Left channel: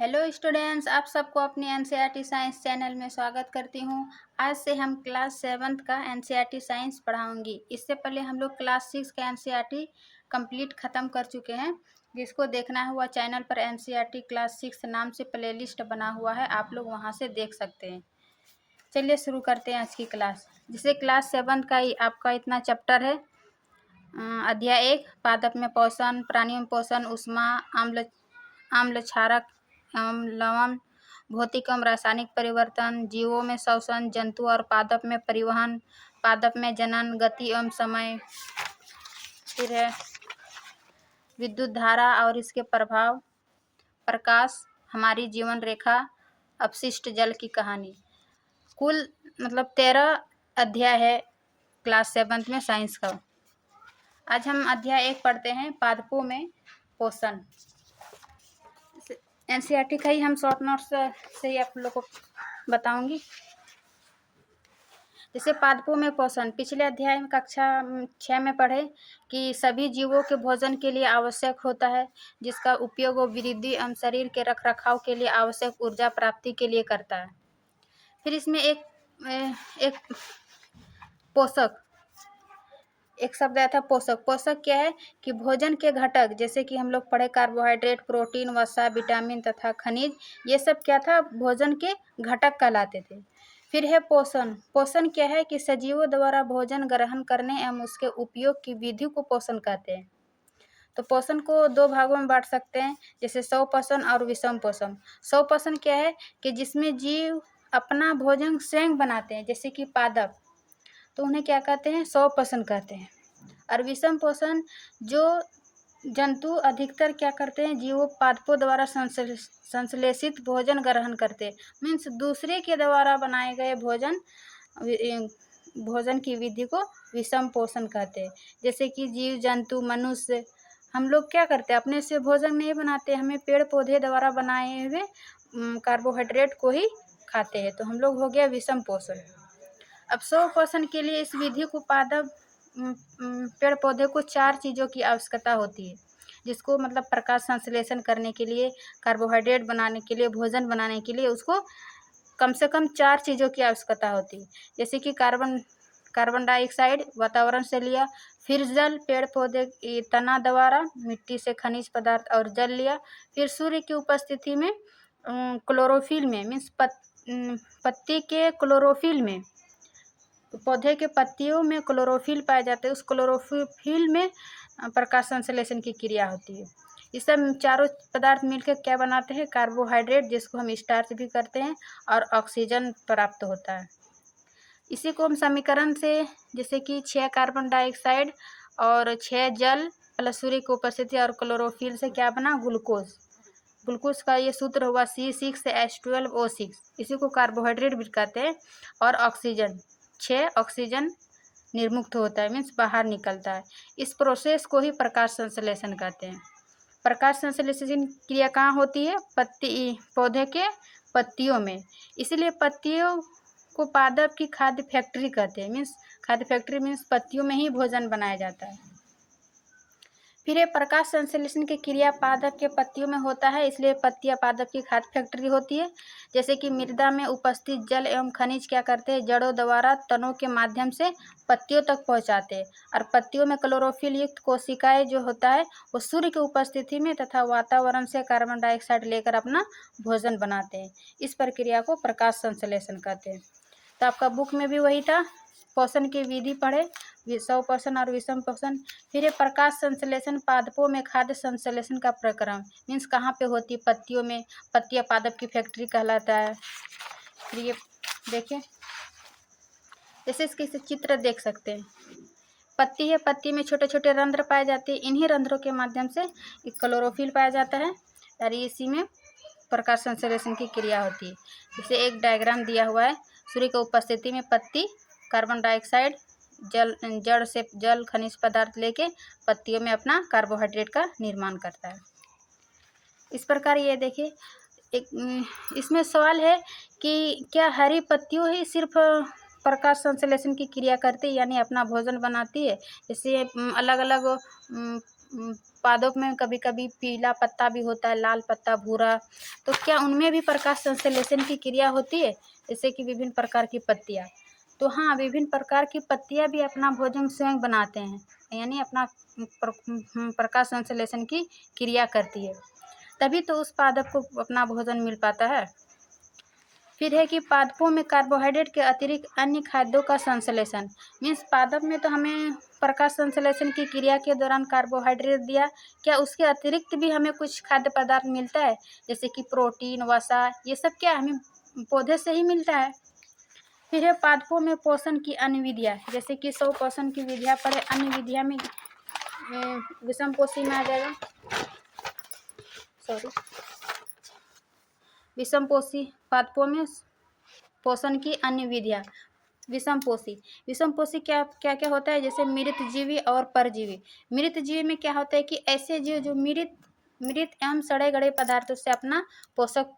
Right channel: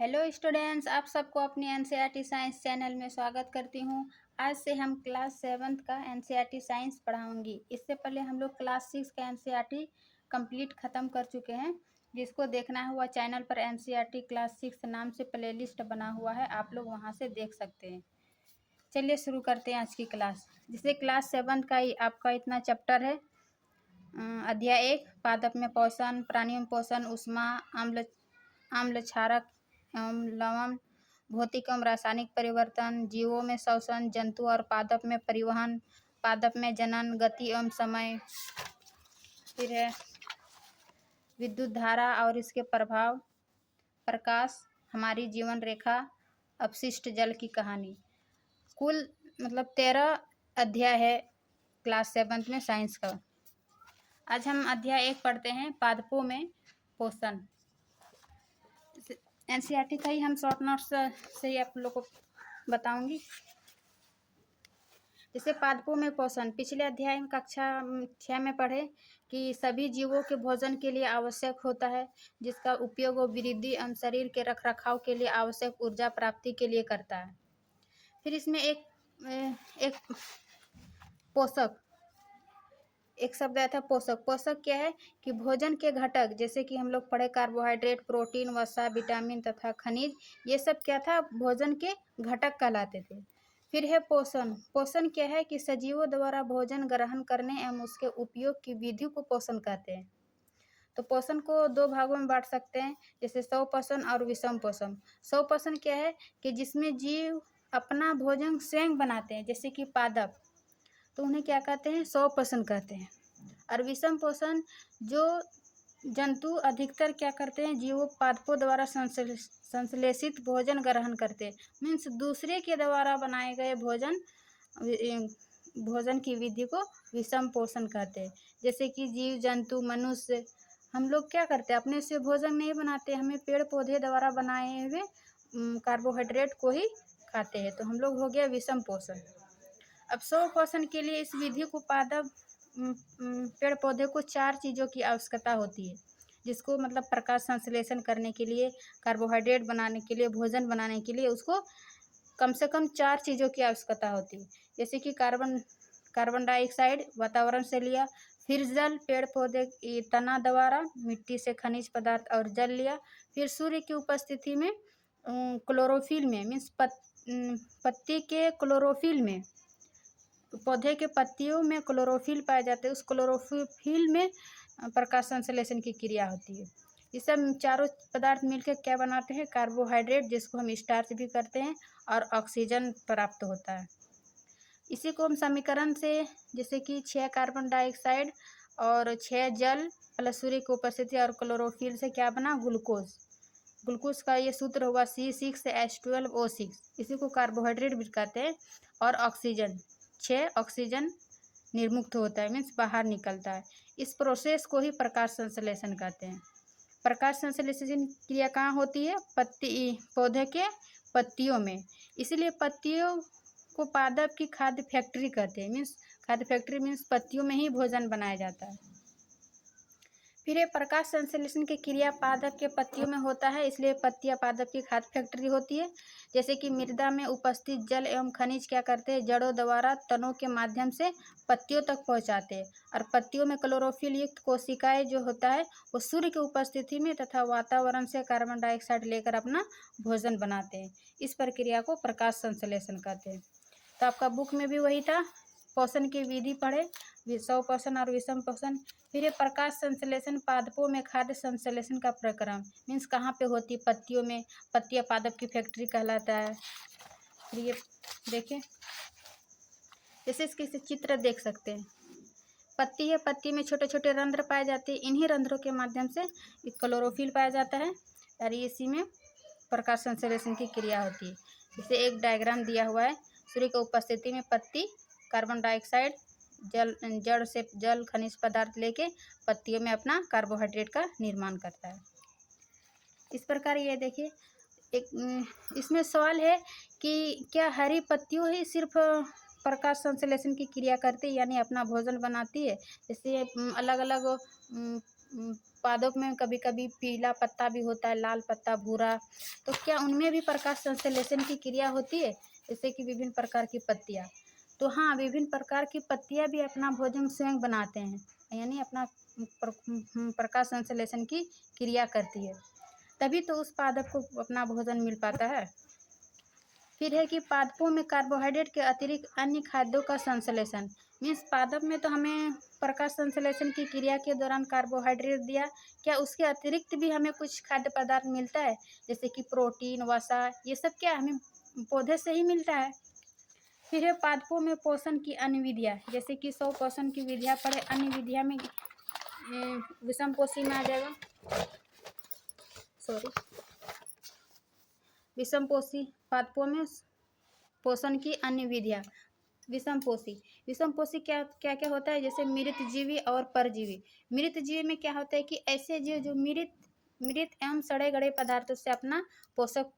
Hello students, आप सबको अपने एनसीईआरटी साइंस चैनल में स्वागत करती हूँ। आज से हम क्लास 7th का एनसीईआरटी साइंस पढ़ाऊंगी। इससे पहले हम लोग क्लास 6 का एनसीईआरटी कंप्लीट ख़त्म कर चुके हैं। जिसको देखना हुआ चैनल पर एनसीईआरटी क्लास 6 नाम से प्लेलिस्ट बना हुआ है, आप लोग वहाँ से देख सकते हैं। चलिए शुरू करते हैं आज की क्लास। जिसे क्लास 7th का आपका इतना चैप्टर है। अध्याय 1 पादप में पोषण, प्राणियों में पोषण, ऊष्मा, आम्ल क्षारक एवं लवण, भौतिक एवं रासायनिक परिवर्तन, जीवों में श्वसन, जंतु और पादप में परिवहन, पादप में जनन, गति एवं समय। फिर है विद्युत धारा और इसके प्रभाव, प्रकाश, हमारी जीवन रेखा, अपशिष्ट जल की कहानी। कुल 13 अध्याय है क्लास 7th में साइंस का। आज हम अध्याय 1 पढ़ते हैं, पादपों में पोषण। एनसीईआरटी का ही हम शॉर्ट नोट्स से ही आप लोगों को बताऊंगी। जैसे पादपों में पोषण, पिछले अध्याय में कक्षा 6 में पढ़े कि सभी जीवों के भोजन के लिए आवश्यक होता है, जिसका उपयोग वो वृद्धि एवं शरीर के रखरखाव के लिए आवश्यक ऊर्जा प्राप्ति के लिए करता है। फिर इसमें एक पोषक, एक शब्द आया था पोषक। पोषक क्या है कि भोजन के घटक, जैसे कि हम लोग पढ़े कार्बोहाइड्रेट, प्रोटीन, वसा, विटामिन तथा खनिज, ये सब क्या था, भोजन के घटक कहलाते थे। फिर है पोषण। पोषण क्या है कि सजीवों द्वारा भोजन ग्रहण करने एवं उसके उपयोग की विधि को पोषण कहते हैं। तो पोषण को 2 भागों में बांट सकते हैं, जैसे स्वपोषण और विषम पोषण। स्वपोषण क्या है कि जिसमें जीव अपना भोजन स्वयं बनाते हैं, जैसे कि पादप, तो उन्हें क्या कहते हैं, स्वपोषण कहते हैं। और विषम पोषण, जो जंतु अधिकतर क्या करते हैं, जीवों पादपों द्वारा संश्लेषित भोजन ग्रहण करते हैं, मीन्स दूसरे के द्वारा बनाए गए भोजन की विधि को विषम पोषण कहते हैं। जैसे कि जीव जंतु, मनुष्य, हम लोग क्या करते हैं, अपने से भोजन नहीं बनाते, हमें पेड़ पौधे द्वारा बनाए हुए कार्बोहाइड्रेट को ही खाते हैं, तो हम लोग हो गया विषम पोषण। अब स्वपोषण के लिए इस विधि को पादप पेड़ पौधे को 4 चीज़ों की आवश्यकता होती है, जिसको प्रकाश संश्लेषण करने के लिए, कार्बोहाइड्रेट बनाने के लिए, भोजन बनाने के लिए उसको कम से कम 4 चीज़ों की आवश्यकता होती है। जैसे कि कार्बन डाइऑक्साइड वातावरण से लिया, फिर जल, पेड़ पौधे की तना द्वारा, मिट्टी से खनिज पदार्थ और जल लिया, फिर सूर्य की उपस्थिति में क्लोरोफिल में, मीन्स पत्ती के क्लोरोफिल में, पौधे के पत्तियों में क्लोरोफिल पाए जाते हैं, उस क्लोरोफिल में प्रकाश संश्लेषण की क्रिया होती है। ये सब चारों पदार्थ मिलकर क्या बनाते हैं, कार्बोहाइड्रेट, जिसको हम स्टार्च भी करते हैं, और ऑक्सीजन प्राप्त होता है। इसी को हम समीकरण से, जैसे कि 6 कार्बन डाइऑक्साइड और 6 जल प्लस सूर्य की उपस्थिति और क्लोरोफिल से क्या बना, ग्लूकोज। ग्लूकोज का ये सूत्र हुआ C6H12O6, इसी को कार्बोहाइड्रेट भी कहते हैं। और ऑक्सीजन, 6 ऑक्सीजन निर्मुक्त होता है, मीन्स बाहर निकलता है। इस प्रोसेस को ही प्रकाश संश्लेषण कहते हैं। प्रकाश संश्लेषण क्रिया कहाँ होती है, पौधे के पत्तियों में। इसलिए पत्तियों को पादप की खाद्य फैक्ट्री कहते हैं, मीन्स खाद्य फैक्ट्री मीन्स पत्तियों में ही भोजन बनाया जाता है। फिर ये प्रकाश संश्लेषण की क्रिया पादप के पत्तियों में होता है, इसलिए पत्तियां पादप की खाद्य फैक्ट्री होती है। जैसे कि मृदा में उपस्थित जल एवं खनिज क्या करते हैं, जड़ों द्वारा तनों के माध्यम से पत्तियों तक पहुंचाते हैं। और पत्तियों में क्लोरोफिल युक्त कोशिकाएं जो होता है, वो सूर्य की उपस्थिति में तथा वातावरण से कार्बन डाइऑक्साइड लेकर अपना भोजन बनाते हैं। इस प्रक्रिया को प्रकाश संश्लेषण कहते हैं। तो आपका बुक में भी वही था, पोषण की विधि पढ़े, स्वपोषण और विषम पोषण। फिर ये प्रकाश संश्लेषण पादपों में खाद्य संश्लेषण का प्रक्रम, मीन्स कहाँ पे होती है, पत्तियों में। पत्तियां पादप की फैक्ट्री कहलाता है। फिर ये देखिए, जैसे इसके चित्र देख सकते हैं, पत्ती है, पत्ती में छोटे छोटे रंध्र पाए जाते हैं, इन्हीं रंध्रों के माध्यम से क्लोरोफिल पाया जाता है, और इसी में प्रकाश संश्लेषण की क्रिया होती है। जैसे एक डायग्राम दिया हुआ है, सूर्य की उपस्थिति में पत्ती कार्बन डाइऑक्साइड, जड़ से जल खनिज पदार्थ लेके पत्तियों में अपना कार्बोहाइड्रेट का निर्माण करता है। इस प्रकार ये देखिए, एक इसमें सवाल है कि क्या हरी पत्तियों ही सिर्फ प्रकाश संश्लेषण की क्रिया करती है, यानी अपना भोजन बनाती है। जैसे अलग अलग पादप में कभी कभी पीला पत्ता भी होता है, लाल पत्ता, भूरा, तो क्या उनमें भी प्रकाश संश्लेषण की क्रिया होती है? जैसे कि विभिन्न प्रकार की पत्तियाँ। तो हाँ, विभिन्न प्रकार की पत्तियाँ भी अपना भोजन स्वयं बनाते हैं, यानी अपना प्रकाश संश्लेषण की क्रिया करती है, तभी तो उस पादप को अपना भोजन मिल पाता है। फिर है कि पादपों में कार्बोहाइड्रेट के अतिरिक्त अन्य खाद्यों का संश्लेषण। मीन्स पादप में तो हमें प्रकाश संश्लेषण की क्रिया के दौरान कार्बोहाइड्रेट दिया, क्या उसके अतिरिक्त भी हमें कुछ खाद्य पदार्थ मिलता है? जैसे कि प्रोटीन, वसा, ये सब क्या हमें पौधे से ही मिलता है। फिर है पादपों में पोषण की अन्य विधियाँ, जैसे कि 100 पोषण की विधियाँ पढ़े, अन्य विधियाँ में विषम पोषी में आ जाएगा, सॉरी, विषम पोषी पादपों में पोषण की अन्य विधियाँ। विषम पोषी क्या क्या क्या होता है? जैसे मृतजीवी और परजीवी। मृतजीवी में क्या होता है कि ऐसे जीव जो मृत एवं सड़े गले पदार्थों से अपना पोषक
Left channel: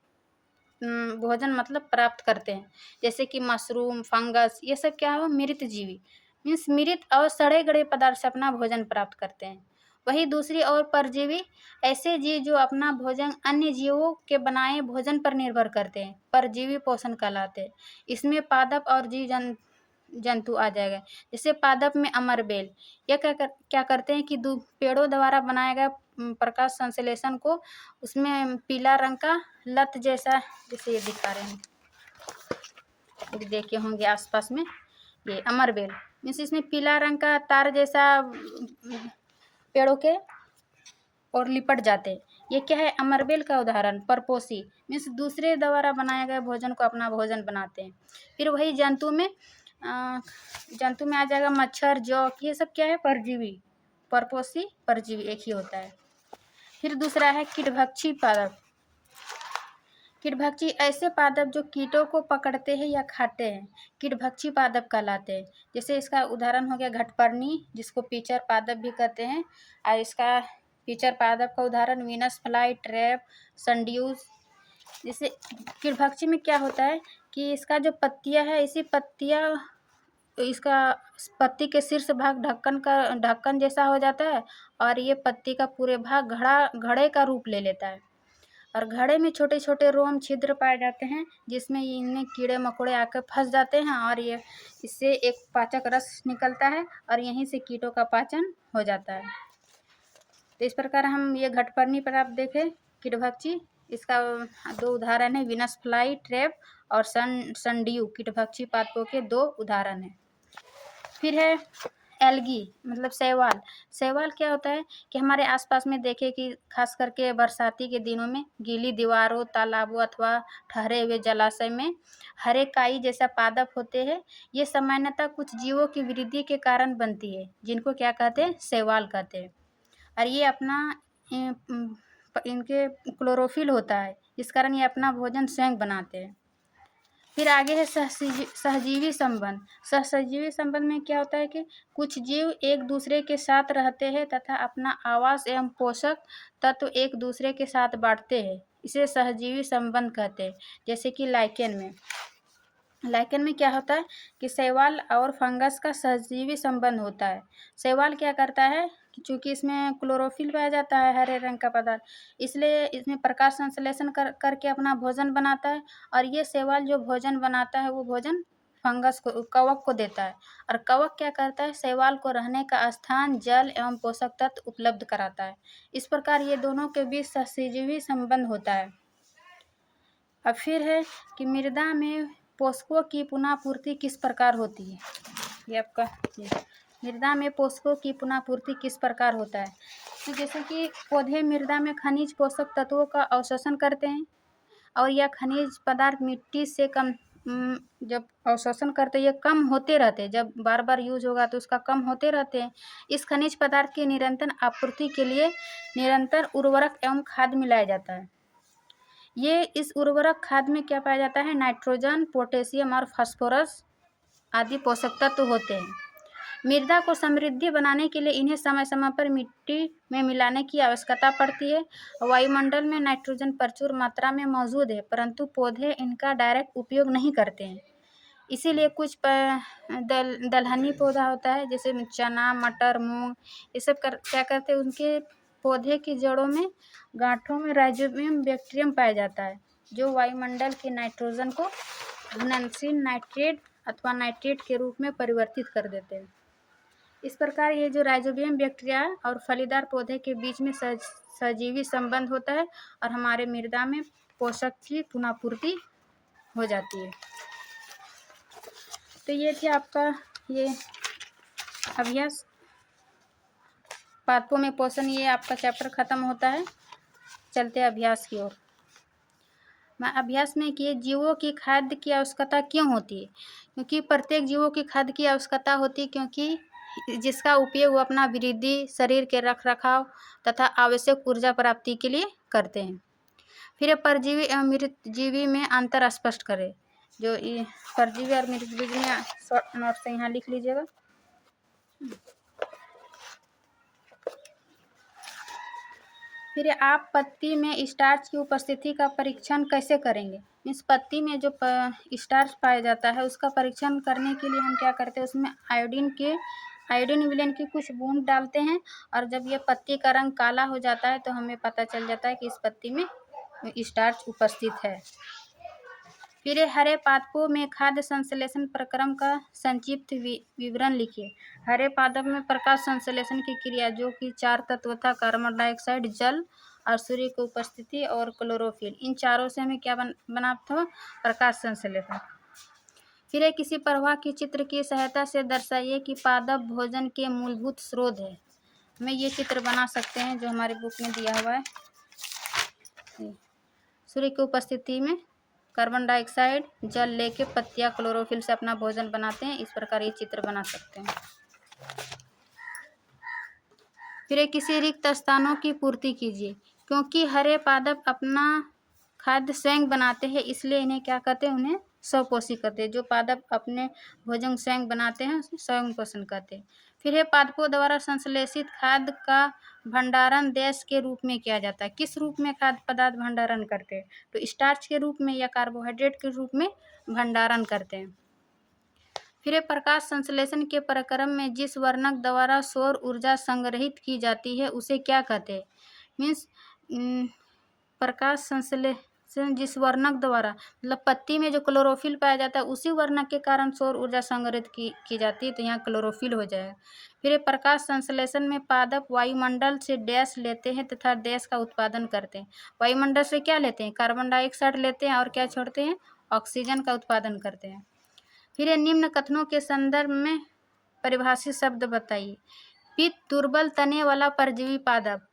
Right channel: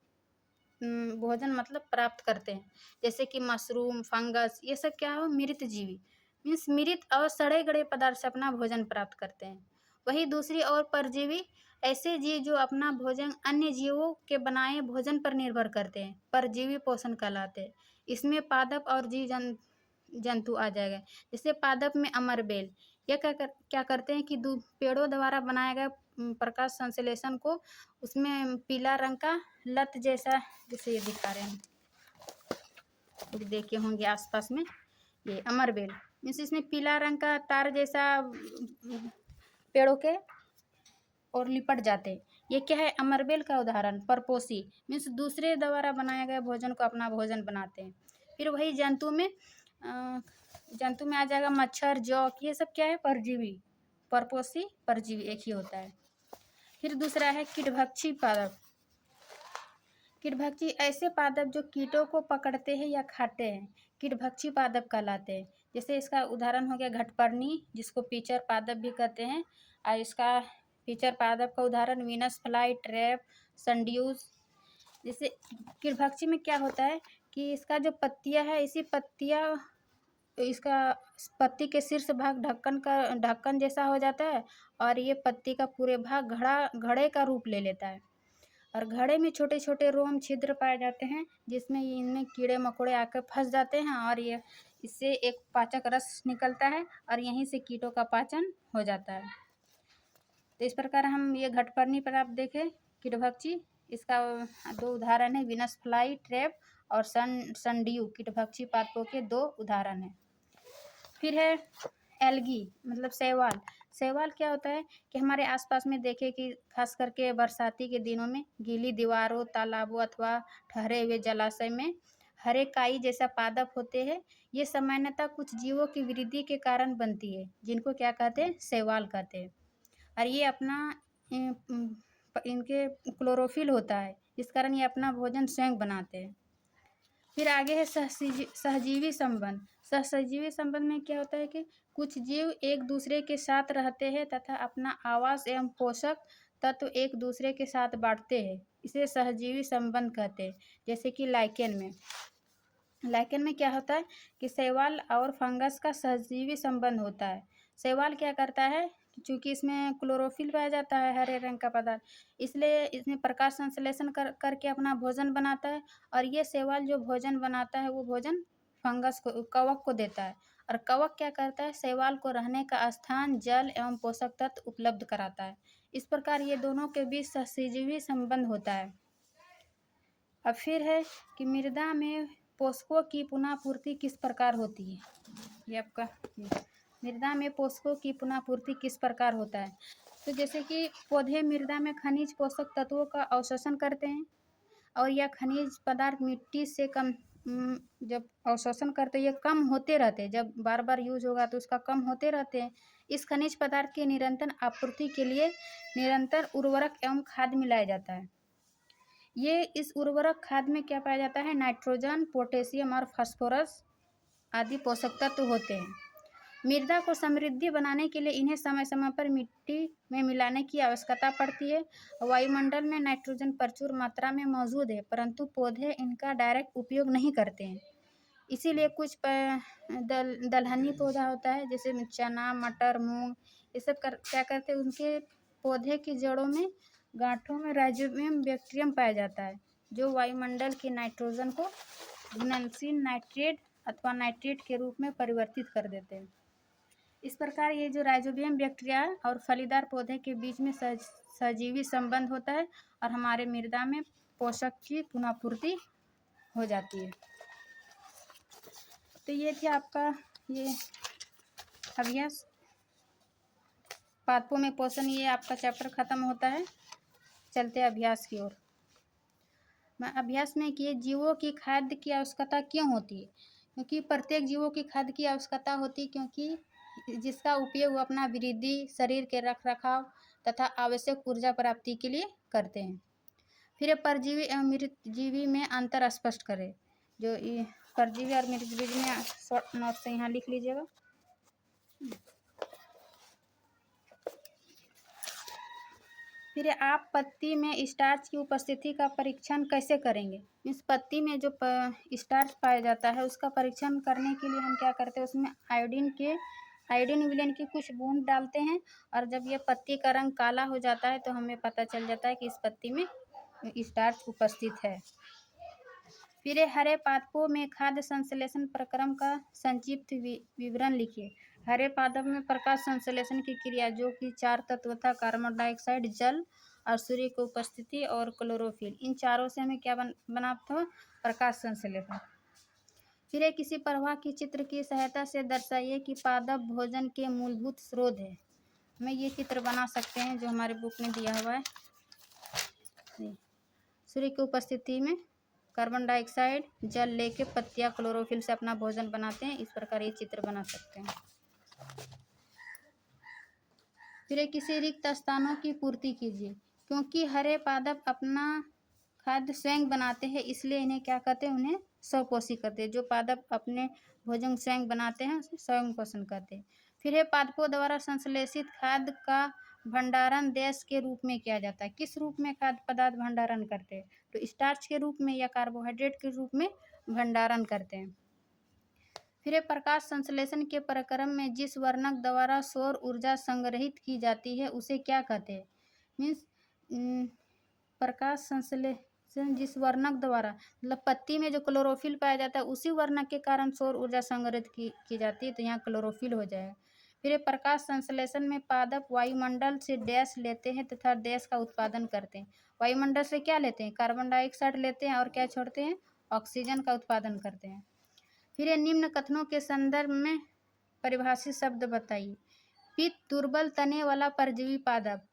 भोजन मतलब प्राप्त करते हैं, जैसे कि मशरूम, फंगस, ये सब क्या है? मृतजीवी, मीन्स मृत और सड़े गले पदार्थ से अपना भोजन प्राप्त करते हैं। वही दूसरी ओर परजीवी, ऐसे जीव जो अपना भोजन अन्य जीवों के बनाए भोजन पर निर्भर करते हैं, परजीवी पोषण कहलाते हैं। इसमें पादप और जीव जंतु आ जाएगा। जैसे पादप में अमरबेल, यह क्या करते हैं कि पेड़ों द्वारा बनाया गया प्रकाश संश्लेषण को उसमें पीला रंग का लत जैसा, जैसे ये दिखा रहे हैं, देखे होंगे आसपास में, ये अमरबेल मीन्स इसमें पीला रंग का तार जैसा पेड़ों के और लिपट जाते हैं। ये क्या है? अमरबेल का उदाहरण। परपोषी मीन्स दूसरे द्वारा बनाया गया भोजन को अपना भोजन बनाते हैं। फिर वही जंतु में आ जाएगा मच्छर, जौ, ये सब क्या है? परजीवी। परपोषी, परजीवी एक ही होता है। फिर दूसरा है कीटभक्षी पादप। कीटभक्षी ऐसे पादप जो कीटों को पकड़ते हैं या खाते हैं, कीटभक्षी पादप कहलाते हैं। जैसे इसका उदाहरण हो गया घटपर्णी, जिसको पीचर पादप भी कहते हैं, और इसका पीचर पादप का उदाहरण वीनस फ्लाई, ट्रैप, संड्यूस। जैसे कीटभक्षी में क्या होता है कि इसका जो पत्तियां है, इसी इसका पत्ती के शीर्ष भाग ढक्कन जैसा हो जाता है, और ये पत्ती का पूरे भाग घड़े का रूप ले लेता है, और घड़े में छोटे छोटे रोम छिद्र पाए जाते हैं, जिसमें इनमें कीड़े मकोड़े आकर फंस जाते हैं, और ये इससे एक पाचक रस निकलता है, और यहीं से कीटों का पाचन हो जाता है। तो इस प्रकार हम ये घटपर्णी पर आप देखें कीटभक्षी, इसका दो उदाहरण है, वीनस फ्लाई, ट्रैप, और संड्यू, कीटभक्षी पादपों के दो उदाहरण हैं। फिर है एल्गी, मतलब शैवाल। शैवाल क्या होता है कि हमारे आसपास में देखें कि खास करके बरसाती के दिनों में गीली दीवारों, तालाबों अथवा ठहरे हुए जलाशय में हरे काई जैसा पादप होते हैं। ये सामान्यतः कुछ जीवों की वृद्धि के कारण बनती है, जिनको क्या कहते हैं? शैवाल कहते हैं। और ये अपना इनके क्लोरोफिल होता है, इस कारण ये अपना भोजन स्वयं बनाते हैं। फिर आगे है सहजीवी संबंध। सहजीवी संबंध में क्या होता है कि कुछ जीव एक दूसरे के साथ रहते हैं तथा अपना आवास एवं पोषक तत्व एक दूसरे के साथ बांटते हैं, इसे सहजीवी संबंध कहते हैं। जैसे कि लाइकेन में क्या होता है कि शैवाल और फंगस का सहजीवी संबंध होता है। शैवाल क्या करता है कि चूँकि इसमें क्लोरोफिल पाया जाता है, हरे रंग का पदार्थ, इसलिए इसमें प्रकाश संश्लेषण करके अपना भोजन बनाता है, और ये शैवाल जो भोजन बनाता है वो भोजन फंगस को, कवक को देता है, और कवक क्या करता है? शैवाल को रहने का स्थान, जल एवं पोषक तत्व उपलब्ध कराता है। इस प्रकार ये दोनों के बीच सहजीवी संबंध होता है। अब फिर है कि मृदा में पोषकों की पुनः पूर्ति किस प्रकार होती है? ये आपका मृदा में पोषकों की पुनः पूर्ति किस प्रकार होता है? तो जैसे कि पौधे मृदा में खनिज पोषक तत्वों का अवशोषण करते हैं, और यह खनिज पदार्थ मिट्टी से कम जब अवशोषण करते ये कम होते रहते हैं, जब बार बार यूज होगा तो उसका कम होते रहते हैं। इस खनिज पदार्थ की निरंतर आपूर्ति के लिए निरंतर उर्वरक एवं खाद मिलाया जाता है। ये इस उर्वरक खाद में क्या पाया जाता है? नाइट्रोजन, पोटेशियम और फास्फोरस आदि पोषक तत्व होते हैं। मृदा को समृद्धि बनाने के लिए इन्हें समय समय पर मिट्टी में मिलाने की आवश्यकता पड़ती है। वायुमंडल में नाइट्रोजन प्रचुर मात्रा में मौजूद है, परंतु पौधे इनका डायरेक्ट उपयोग नहीं करते हैं। इसीलिए कुछ दलहनी पौधा होता है, जैसे चना, मटर, मूंग, ये सब क्या करते हैं, उनके पौधे की जड़ों में, गांठों में राइजोबियम बैक्टीरियम पाया जाता है, जो वायुमंडल के नाइट्रोजन को घुलनशील नाइट्रेट अथवा नाइट्रेट के रूप में परिवर्तित कर देते हैं। इस प्रकार ये जो राइजोबियम बैक्टीरिया और फलीदार पौधे के बीच में सजीवी संबंध होता है और हमारे मृदा में पोषक की पुनःपूर्ति हो जाती है। तो ये थी आपका ये अभ्यास, पादपों में पोषण, ये आपका चैप्टर खत्म होता है। चलते अभ्यास की ओर। मैं अभ्यास में कि जीवों की खाद्य की आवश्यकता क्यों होती है? क्योंकि प्रत्येक जीवों की खाद्य की आवश्यकता होती है, क्योंकि जिसका उपयोग वो अपना वृद्धि, शरीर के रखरखाव तथा आवश्यक ऊर्जा प्राप्ति के लिए करते हैं। फिर परजीवी एवं मृतजीवी में अंतर स्पष्ट करें। जो ये परजीवी और मृतजीवी में शॉर्ट नोट से यहाँ लिख लीजिएगा। फिर आप पत्ती में स्टार्च की उपस्थिति का परीक्षण कैसे करेंगे? इस पत्ती में जो स्टार्च पाया जाता है उसका परीक्षण करने के लिए हम क्या करते हैं, उसमें आयोडीन विलयन की कुछ बूंद डालते हैं, और जब ये पत्ती का रंग काला हो जाता है तो हमें पता चल जाता है कि इस पत्ती में स्टार्च उपस्थित है। फिर हरे पादपों में खाद्य संश्लेषण प्रक्रम का संक्षिप्त विवरण लिखिए। हरे पादप में प्रकाश संश्लेषण की क्रिया, जो कि 4 तत्व था, कार्बन डाइऑक्साइड, जल और सूर्य की उपस्थिति और क्लोरोफिल, इन चारों से हमें क्या बना था, प्रकाश संश्लेषण। फिर किसी प्रवाह की चित्र की सहायता से दर्शाइए कि पादप भोजन के मूलभूत स्रोत है। हमें ये चित्र बना सकते हैं जो हमारे बुक में दिया हुआ है। सूर्य की उपस्थिति में कार्बन डाइऑक्साइड, जल लेके पत्तियां क्लोरोफिल से अपना भोजन बनाते हैं। इस प्रकार ये चित्र बना सकते हैं। फिर किसी रिक्त स्थानों की पूर्ति कीजिए। क्योंकि हरे पादप अपना खाद्य स्वयं बनाते हैं, इसलिए इन्हें क्या कहते हैं, उन्हें स्वपोषी कहते हैं। जो पादप अपने भोजन स्वयं बनाते हैं उसे स्वयं पोषण कहते हैं। फिर है पादपों द्वारा संश्लेषित खाद्य का भंडारण देश के रूप में किया जाता है। किस रूप में खाद्य पदार्थ भंडारण करते हैं? तो स्टार्च के रूप में या कार्बोहाइड्रेट के रूप में भंडारण करते हैं। फिर प्रकाश संश्लेषण के प्रक्रम में जिस वर्णक द्वारा सौर ऊर्जा संग्रहित की जाती है उसे क्या कहते हैं? मीन्स प्रकाश संश्लेषण जिस वर्णक द्वारा, मतलब पत्ती में जो क्लोरोफिल पाया जाता है उसी वर्णक के कारण सौर ऊर्जा संग्रहित की जाती है, तो यहाँ क्लोरोफिल हो जाएगा। फिर प्रकाश संश्लेषण में पादप वायुमंडल से डैश लेते हैं तथा डैश का उत्पादन करते हैं। वायुमंडल से क्या लेते हैं? कार्बन डाइऑक्साइड लेते हैं और क्या छोड़ते हैं? ऑक्सीजन का उत्पादन करते हैं। फिर निम्न कथनों के संदर्भ में परिभाषित शब्द बताइए। पित्त दुर्बल तने वाला परजीवी पादप,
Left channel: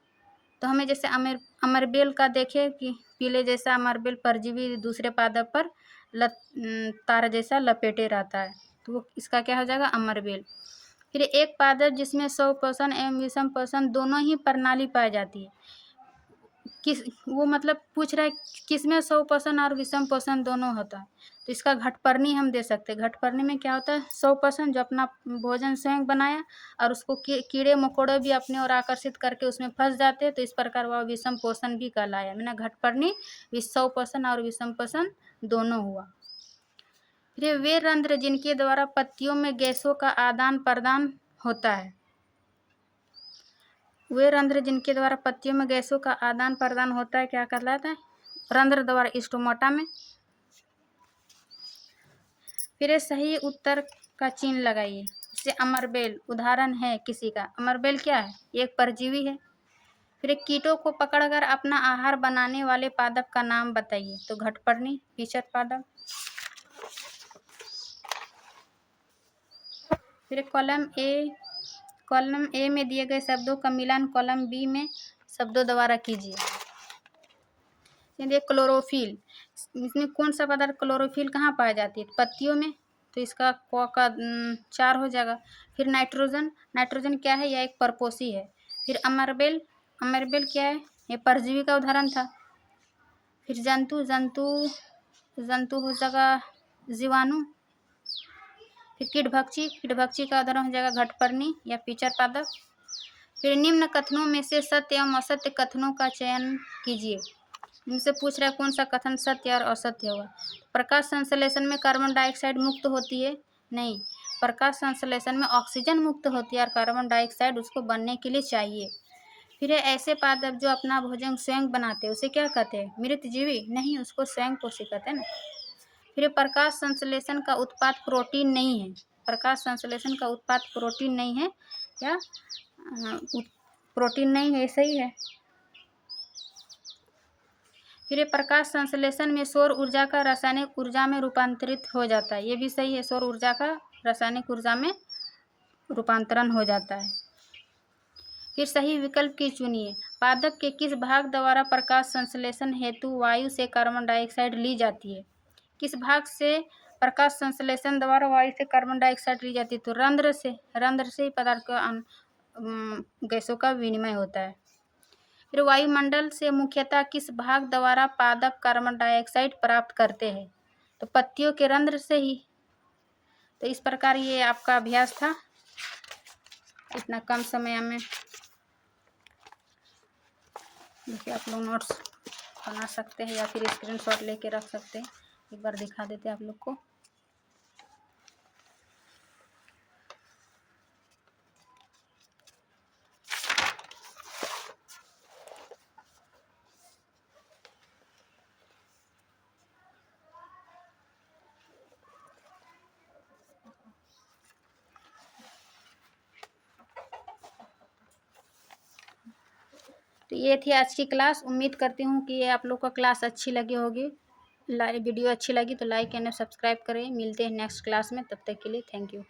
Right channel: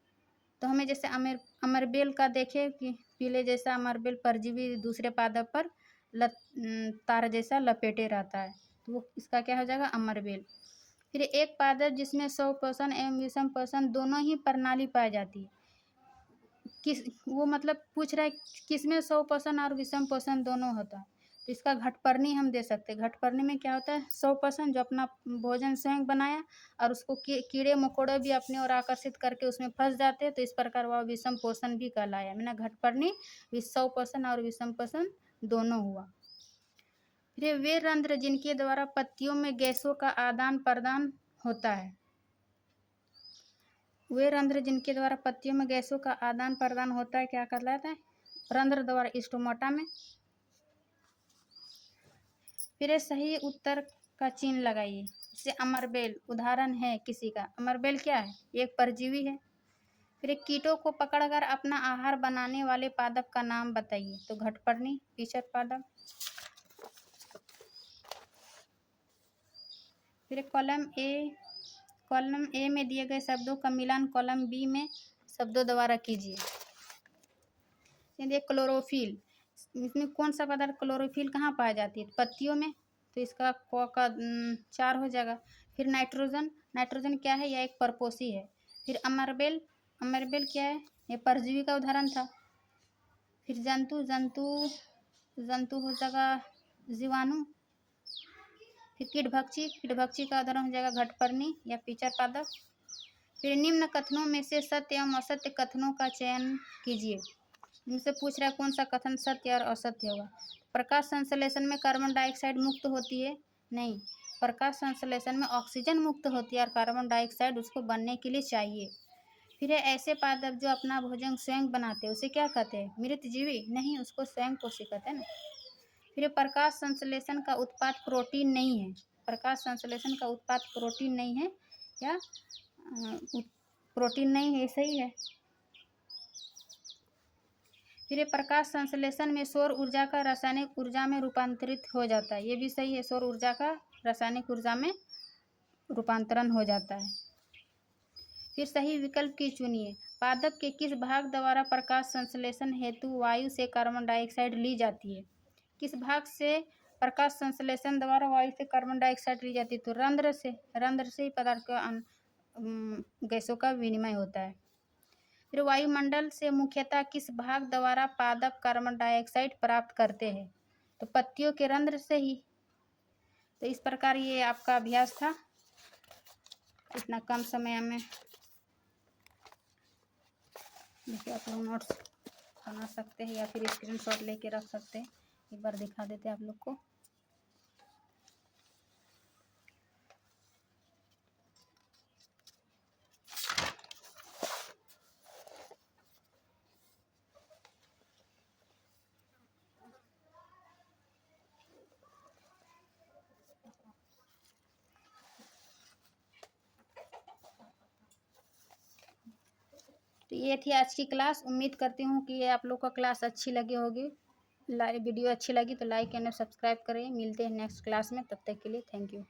तो हमें जैसे अमरबेल का देखें कि पीले जैसा अमरबेल परजीवी दूसरे पादप पर तार जैसा लपेटे रहता है, तो वो इसका क्या हो जाएगा? अमरबेल। फिर एक पादप जिसमें स्वपोषण एवं विषम पोषण दोनों ही प्रणाली पाई जाती है, किस वो मतलब पूछ रहा है किसमें स्वपोषण और विषम पोषण दोनों होता है, तो इसका घटपर्णी हम दे सकते हैं। घटपर्णी में क्या होता है? स्वपोषण, जो अपना भोजन स्वयं बनाया और उसको कीड़े मकोड़े भी अपने ओर आकर्षित करके उसमें फंस जाते हैं, तो इस प्रकार वह विषम पोषण भी कहलाया। मैंने घटपर्णी स्वपोषण और विषम पोषण दोनों हुआ। फिर वे रंध्र जिनके द्वारा पत्तियों में गैसों का आदान प्रदान होता है, वे रंध्र जिनके द्वारा पत्तियों में गैसों का आदान प्रदान होता है क्या कहलाता है? रंध्र द्वारा। स्टोमाटा में। फिर सही उत्तर का चिन्ह लगाइए। जैसे अमरबेल उदाहरण है किसी का। अमरबेल क्या है? एक परजीवी है। फिर कीटों को पकड़कर अपना आहार बनाने वाले पादप का नाम बताइए। तो घटपर्णी, पिचर पादप। फिर कॉलम ए में दिए गए शब्दों का मिलान कॉलम बी में शब्दों द्वारा कीजिए। देखिए क्लोरोफिल, इसमें कौन सा पदार्थ क्लोरोफिल कहाँ पाई जाती है? पत्तियों में, तो इसका क का 4 हो जाएगा। फिर नाइट्रोजन क्या है? यह एक परपोषी है। फिर अमरबेल क्या है? ये परजीवी का उदाहरण था। फिर जंतु हो जाएगा जीवाणु। फिर कीटभक्षी का उदाहरण हो जाएगा घटपर्णी या पिचर पादप। फिर निम्न कथनों में से सत्य एवं असत्य कथनों का चयन कीजिए। इनसे पूछ रहा है कौन सा कथन सत्य और असत्य होगा। प्रकाश संश्लेषण में कार्बन डाइऑक्साइड मुक्त होती है? नहीं, प्रकाश संश्लेषण में ऑक्सीजन मुक्त होती है और कार्बन डाइऑक्साइड उसको बनने के लिए चाहिए। फिर है ऐसे पादप जो अपना भोजन स्वयं बनाते हैं उसे क्या कहते हैं? मृतजीवी? नहीं, उसको स्वयं पोषी कहते हैं ना। फिर प्रकाश संश्लेषण का उत्पाद प्रोटीन नहीं है। प्रकाश संश्लेषण का उत्पाद प्रोटीन नहीं है क्या? प्रोटीन नहीं है, सही है। फिर प्रकाश संश्लेषण में सौर ऊर्जा का रासायनिक ऊर्जा में रूपांतरित हो जाता है, ये भी सही है। सौर ऊर्जा का रासायनिक ऊर्जा में रूपांतरण हो जाता है। फिर सही विकल्प की चुनिए। पादप के किस भाग द्वारा प्रकाश संश्लेषण हेतु वायु से कार्बन डाइऑक्साइड ली जाती है? किस भाग से प्रकाश संश्लेषण द्वारा वायु से कार्बन डाइऑक्साइड ली जाती है? तो रंध्र से। रंध्र से पदार्थ का गैसों का विनिमय होता है। फिर वायुमंडल से मुख्यतः किस भाग द्वारा पादप कार्बन डाइऑक्साइड प्राप्त करते हैं? तो पत्तियों के रंध्र से ही। तो इस प्रकार ये आपका अभ्यास था। इतना कम समय में देखिए आप लोग नोट्स बना सकते हैं या फिर स्क्रीनशॉट लेके रख सकते हैं। एक बार दिखा देते हैं आप लोग को। तो ये थी आज की क्लास। उम्मीद करती हूँ कि ये आप लोग को क्लास अच्छी लगी होगी। वीडियो अच्छी लगी तो लाइक एंड सब्सक्राइब करें। मिलते हैं नेक्स्ट क्लास में, तब तक के लिए थैंक यू।